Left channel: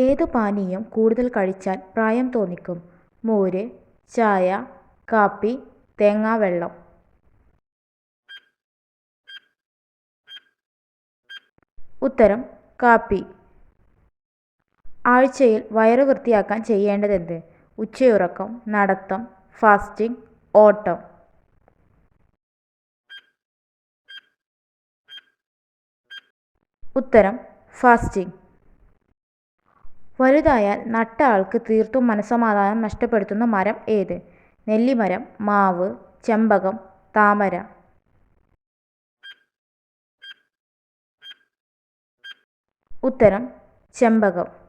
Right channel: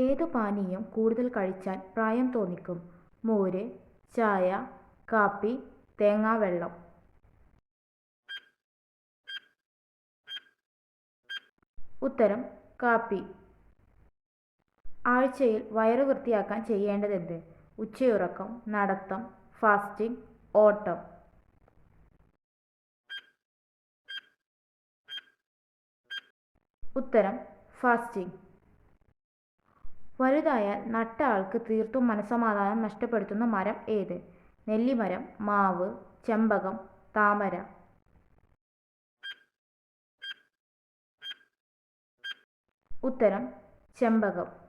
ഏത് പാനീയം കൂടുതൽ കഴിച്ചാൽ പ്രായം തോന്നിക്കും? മോര്, ചായ, കാപ്പി, തേങ്ങാവെള്ളം. ഉത്തരം കാപ്പി. ആഴ്ചയിൽ വയറ് വൃത്തിയാക്കാൻ ചെയ്യേണ്ടതെന്ത്? ഉച്ചയുറക്കം, നടത്തം, ഫാസ്റ്റിംഗ്, ഓട്ടം. ഉത്തരം ഫാസ്റ്റിംഗ്. വലുതായാൽ നട്ട ആൾക്ക് തീർത്തും മനസ്സമാധാനം നഷ്ടപ്പെടുത്തുന്ന മരം ഏത്? നെല്ലിമരം, മാവ്, ചെമ്പകം, താമര. ഉത്തരം ചെമ്പകം.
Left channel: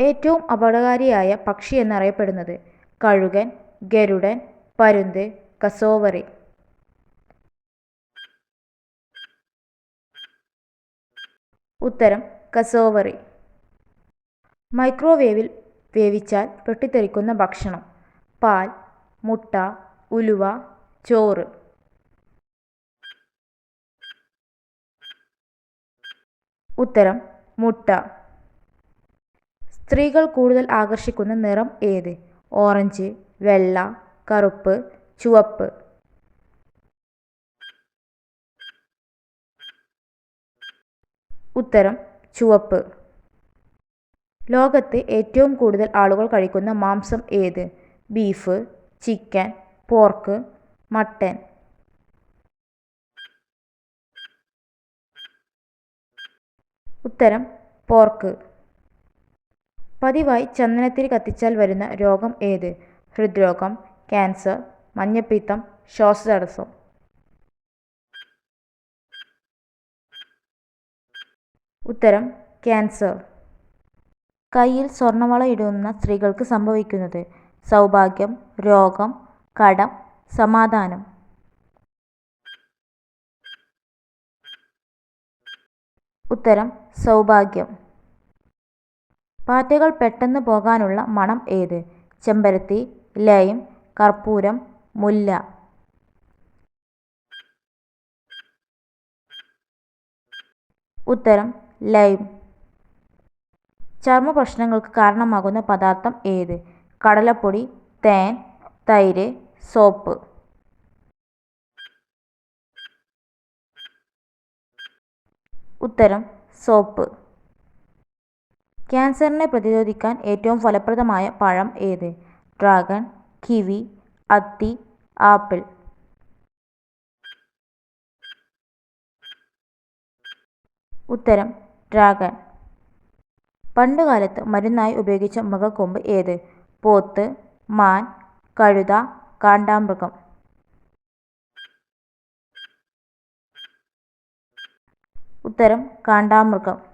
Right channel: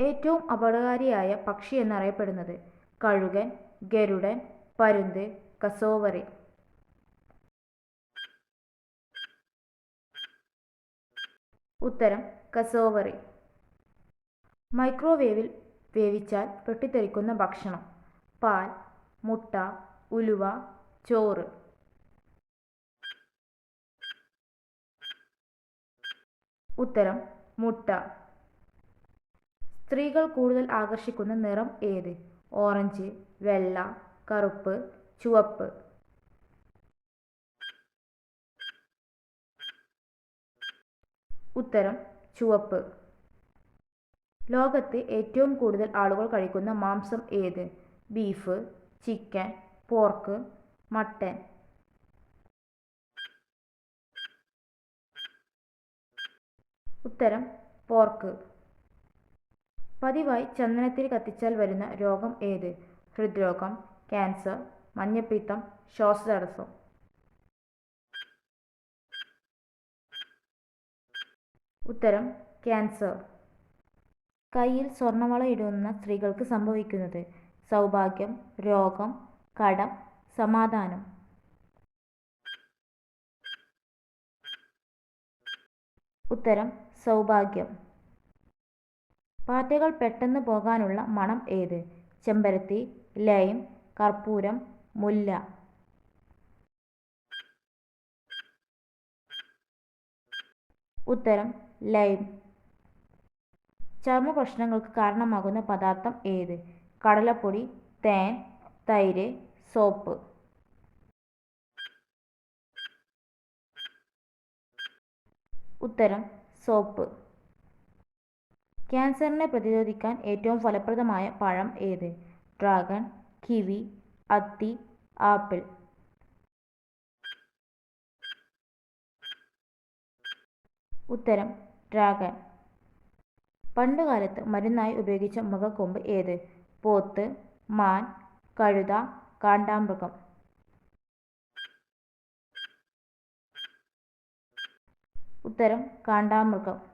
ഏറ്റവും അപകടകാരിയായ പക്ഷി എന്നറിയപ്പെടുന്നത്? കഴുകൻ, ഗരുഡൻ, പരുന്ത്, കസോവറി. ഉത്തരം കസോവറി. മൈക്രോവേവിൽ വേവിച്ചാൽ പൊട്ടിത്തെറിക്കുന്ന ഭക്ഷണം? പാൽ, മുട്ട, ഉലുവ, ചോറ്. ഉത്തരം മുട്ട. സ്ത്രീകൾ കൂടുതൽ ആകർഷിക്കുന്ന നിറം ഏത്? ഓറഞ്ച്, വെള്ള, കറുപ്പ്, ചുവപ്പ്. ഉത്തരം ചുവപ്പ്. ലോകത്ത് ഏറ്റവും കൂടുതൽ ആളുകൾ കഴിക്കുന്ന മാംസം ഏത്? Beef, chicken, pork, mutton. ഉത്തരം പോർക്ക്. പതിവായി ചന്ദനത്തിരി കത്തിച്ചാൽ വരുന്ന രോഗം ഏത്? ഹൃദ്രോഗം, ക്യാൻസർ, മഞ്ഞപ്പിത്തം, ശ്വാസതടസ്സം. ഉത്തരം ക്യാൻസർ. കയ്യിൽ സ്വർണ്ണവള ഇടുന്ന സ്ത്രീകൾക്ക് സംഭവിക്കുന്നത്? സൗഭാഗ്യം, രോഗം, കടം, സമാധാനം. ഉത്തരം സൗഭാഗ്യം. പാറ്റകൾ പെട്ടെന്ന് പോകാനുള്ള മണം ഏത്? ചെമ്പരത്തി, ലൈം, കർപ്പൂരം, മുല്ല. ഉത്തരം ലൈം. ചർമ്മ പ്രശ്നങ്ങൾക്ക് കാരണമാകുന്ന പദാർത്ഥം ഏത്? കടലപ്പൊടി, തേൻ, തൈര്, സോപ്പ്. ഉത്തരം സോപ്പ്. ക്യാൻസറിനെ പ്രതിരോധിക്കാൻ ഏറ്റവും ഫലപ്രദമായ പഴം ഏത്? ഡ്രാഗൺ, കിവി, അത്തി, ആപ്പിൾ. ഉത്തരം ഡ്രാഗൺ. പണ്ടുകാലത്ത് മരുന്നായി ഉപയോഗിച്ച മൃഗക്കൊമ്പ് ഏത്? പോത്ത്, മാൻ, കഴുത, കാണ്ടാമൃഗം. ഉത്തരം കാണ്ടാമൃഗം.